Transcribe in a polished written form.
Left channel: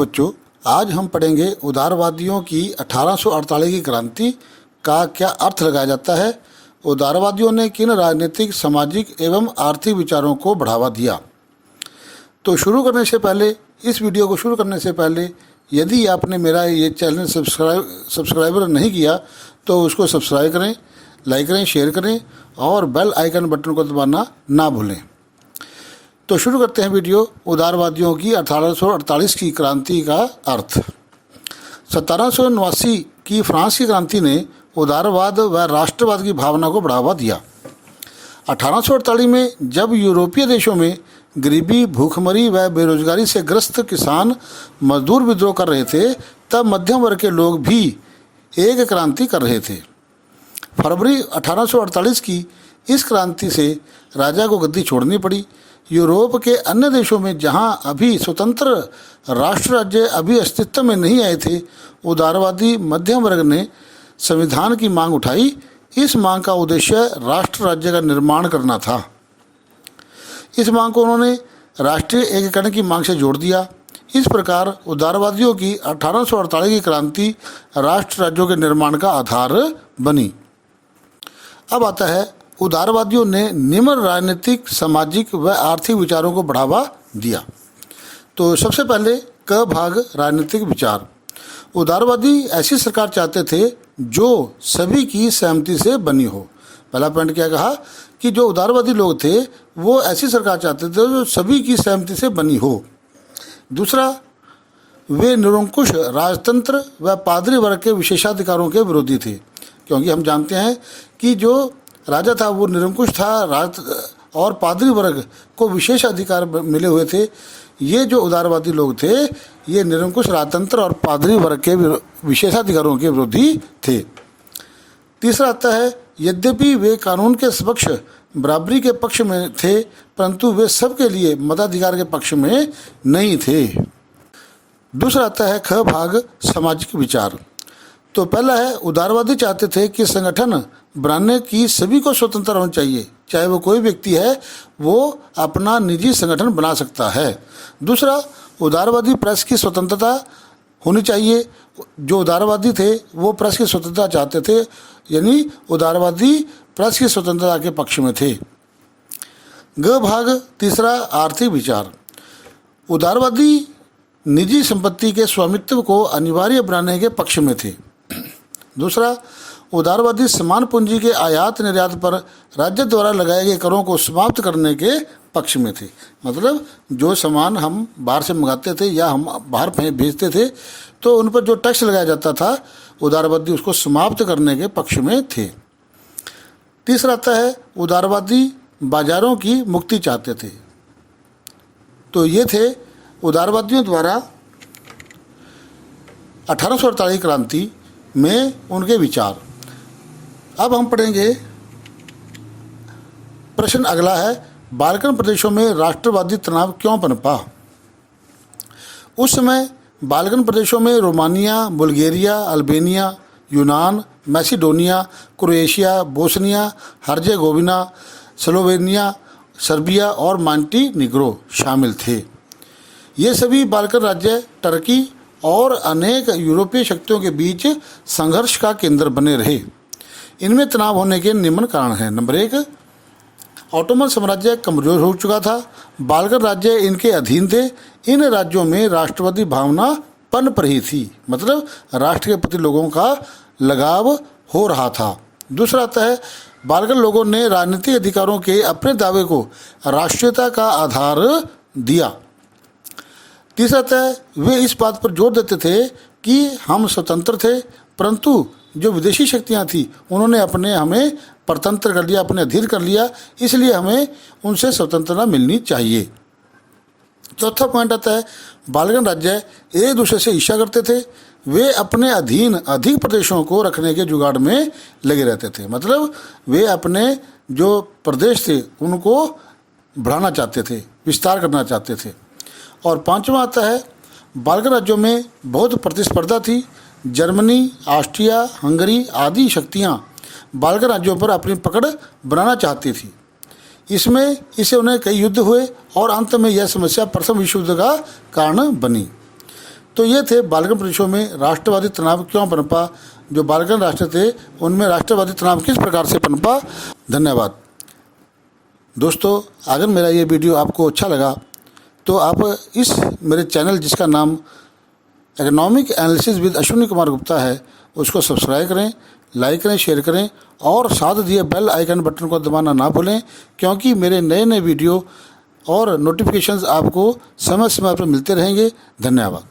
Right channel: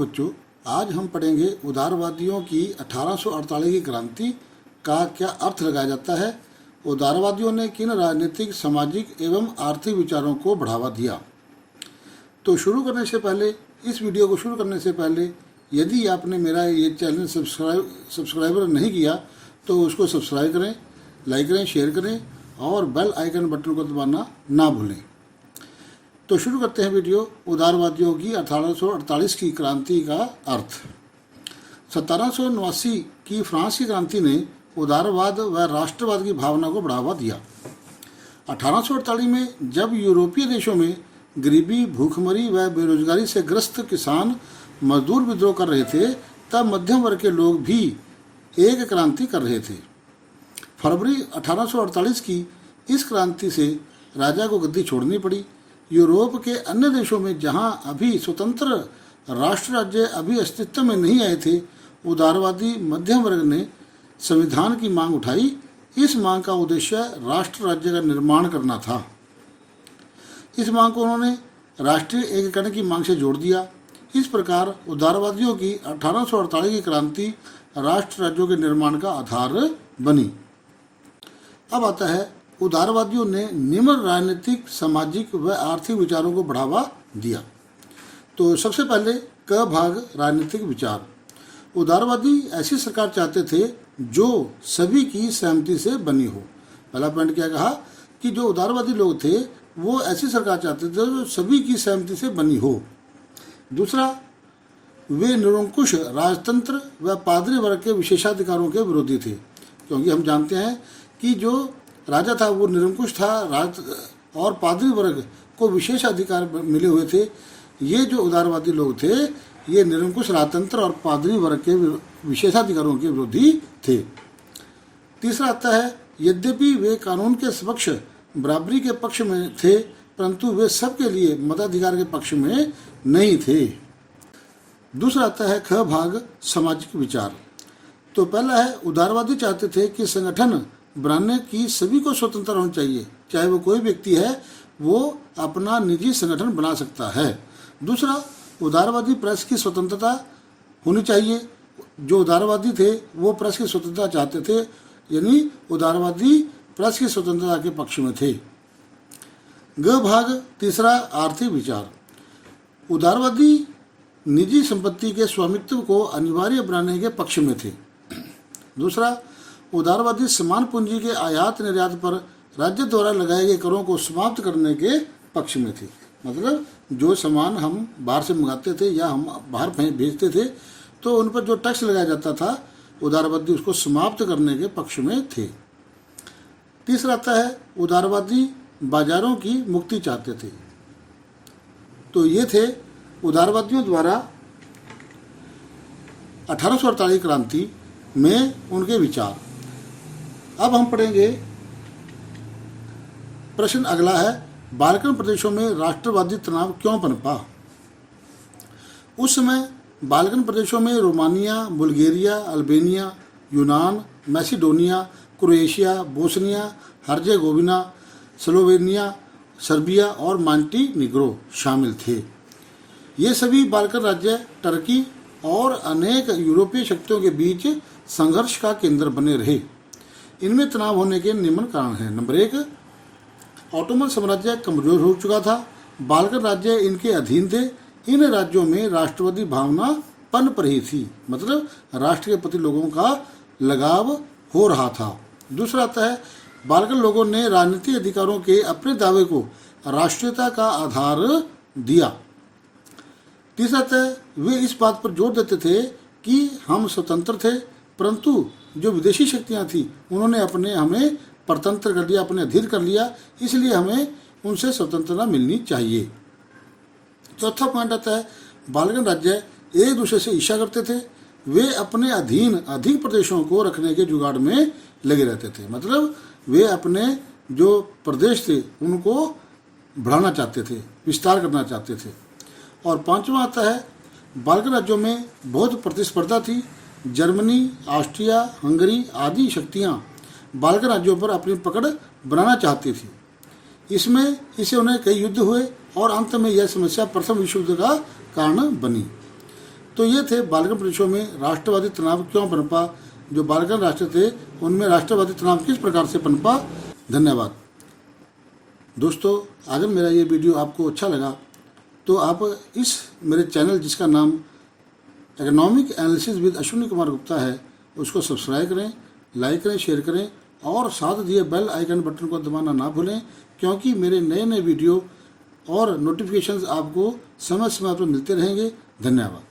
बच्चों, आज हम पढ़ेंगे उदारवादियों की 1848 की क्रांति का क्या अर्थ लगाया जाता है। उदारवादियों ने किन राजनीतिक, सामाजिक एवं आर्थिक विचारों को बढ़ावा दिया। तो इस वीडियो को शुरू करने से पहले यदि आपने मेरा ये चैनल सब्सक्राइबर नहीं किया तो उसको सब्सक्राइब करें, लाइक करें, शेयर करें और बेल आइकन बटन को दबाना ना भूलें। तो शुरू करते हैं वीडियो। उदारवादियों की 1848 की क्रांति का अर्थ। 1789 की फ्रांस की क्रांति ने उदारवाद व राष्ट्रवाद की भावना को बढ़ावा दिया। 1848 में जब यूरोपीय देशों में गरीबी, भूखमरी व बेरोजगारी से ग्रस्त किसान मजदूर विद्रोह कर रहे थे, तब मध्यम वर्ग के लोग भी एक क्रांति कर रहे थे। फरवरी 1848 की इस क्रांति से राजा को गद्दी छोड़नी पड़ी। यूरोप के अन्य देशों में जहां अभी स्वतंत्र राष्ट्र राज्य अभी अस्तित्व में नहीं आए थे, उदारवादी मध्यम वर्ग ने संविधान की मांग उठाई। इस मांग का उद्देश्य राष्ट्र राज्य का निर्माण करना था। इस मांग को उन्होंने राष्ट्रीय एकीकरण की मांग से जोड़ दिया। इस प्रकार उदारवादियों की 1848 की क्रांति राष्ट्र राज्यों के निर्माण का आधार बनी। अब आता है उदारवादियों ने निम्न राजनीतिक, सामाजिक व आर्थिक विचारों को बढ़ावा दिया। तो सबसे पहले क भाग राजनीतिक विचार। उदारवादी ऐसी सरकार चाहते थे जो सभी की सहमति से बनी हो। पहला पॉइंट क्या कहा कि जो उदारवादी लोग थे वो ऐसी सरकार चाहते थे जो सभी की सहमति से बनी हो। दूसरा, वे निरंकुश राजतंत्र व पादरी वर्ग के विशेषाधिकारों के विरोधी थे, क्योंकि हम जानते हैं कि जो राजा था वो निरंकुश था और पादरी वर्ग को विशेष अधिकार मिले हुए थे। ये जो उदारवादी लोग थे ये निरंकुश राजतंत्र और पादरी वर्ग के विशेषाधिकारों के विरोधी थे। तीसरा आता है, यद्यपि वे कानून के समक्ष बराबरी के पक्ष में थे, परंतु वे सबके लिए मताधिकार के पक्ष में नहीं थे। दूसरा आता है ख भाग सामाजिक विचार। तो पहला है, उदारवादी चाहते थे कि संगठन बनाने की सभी को स्वतंत्र होना चाहिए, चाहे वो कोई व्यक्ति है वो अपना निजी संगठन बना सकता है। दूसरा, उदारवादी प्रेस की स्वतंत्रता होनी चाहिए। जो उदारवादी थे वो प्रेस की स्वतंत्रता चाहते थे, यानी उदारवादी प्रेस की स्वतंत्रता के पक्ष में थे। ग भाग तीसरा आर्थिक विचार। उदारवादी निजी संपत्ति के स्वामित्व को अनिवार्य बनाने के पक्ष में थे। दूसरा, उदारवादी समान पूंजी के आयात निर्यात पर राज्य द्वारा लगाए गए करों को समाप्त करने के पक्ष में थे। मतलब जो सामान हम बाहर से मंगाते थे या हम बाहर भेजते थे तो उन पर जो टैक्स लगाया जाता था, उदारवादी उसको समाप्त करने के पक्ष में थे। तीसरा आता है, उदारवादी बाजारों की मुक्ति चाहते थे। तो ये थे उदारवादियों द्वारा 1848 क्रांति में उनके विचार। अब हम पढ़ेंगे प्रश्न अगला है, बाल्कन प्रदेशों में राष्ट्रवादी तनाव क्यों पनपा। उस समय बाल्कन प्रदेशों में रोमानिया, बुल्गारिया, अल्बानिया, यूनान, Macedonia, Croatia, Bosnia Herzegovina, Slovenia, Serbia और मॉन्टेनिग्रो शामिल थे। ये सभी बाल्कन राज्य टर्की और अनेक यूरोपीय शक्तियों के बीच संघर्ष का केंद्र बने रहे। इनमें तनाव होने के निम्न कारण हैं। नंबर 1, ऑटोमन साम्राज्य कमजोर हो चुका था। बाल्कन राज्य इनके अधीन थे। इन राज्यों में राष्ट्रवादी भावना पनप रही थी, मतलब राष्ट्र के प्रति लोगों का लगाव हो रहा था। दूसरा आता है, बाल्कन लोगों ने राजनीतिक अधिकारों के अपने दावे को राष्ट्रीयता का आधार दिया। तीसरा आता है, वे इस बात पर जोर देते थे कि हम स्वतंत्र थे, परंतु जो विदेशी शक्तियां थी उन्होंने हमें परतंत्र कर लिया, अपने अधीन कर लिया, इसलिए हमें उनसे स्वतंत्रता मिलनी चाहिए। चौथा पॉइंट आता है, बाल्कन राज्य एक दूसरे से ईर्ष्या करते थे। वे अपने अधीन अधिक प्रदेशों को रखने के जुगाड़ में लगे रहते थे, मतलब वे अपने जो प्रदेश थे उनको बढ़ाना चाहते थे, विस्तार करना चाहते थे। और पांचवा आता है, बाल्कन राज्यों में बहुत प्रतिस्पर्धा थी। जर्मनी, ऑस्ट्रिया, हंगरी आदि शक्तियां बाल्कन राज्यों पर अपनी पकड़ बनाना चाहती थी। इससे उन्हें कई युद्ध हुए और अंत में यह समस्या प्रथम विश्व युद्ध का कारण बनी। तो ये थे बालगन प्रदेशों में राष्ट्रवादी तनाव क्यों पनपा। जो बालगन राष्ट्र थे उनमें राष्ट्रवादी तनाव किस प्रकार से पनपा। धन्यवाद दोस्तों। अगर मेरा ये वीडियो आपको अच्छा लगा तो आप इस मेरे चैनल जिसका नाम economic analysis with Ashwini Kumar Gupta है उसको सब्सक्राइब करें, लाइक करें, शेयर करें और साथ दिए बेल आइकन बटन को दबाना ना भूलें, क्योंकि मेरे नए नए वीडियो और नोटिफिकेशंस आपको समय समय पर मिलते रहेंगे। धन्यवाद।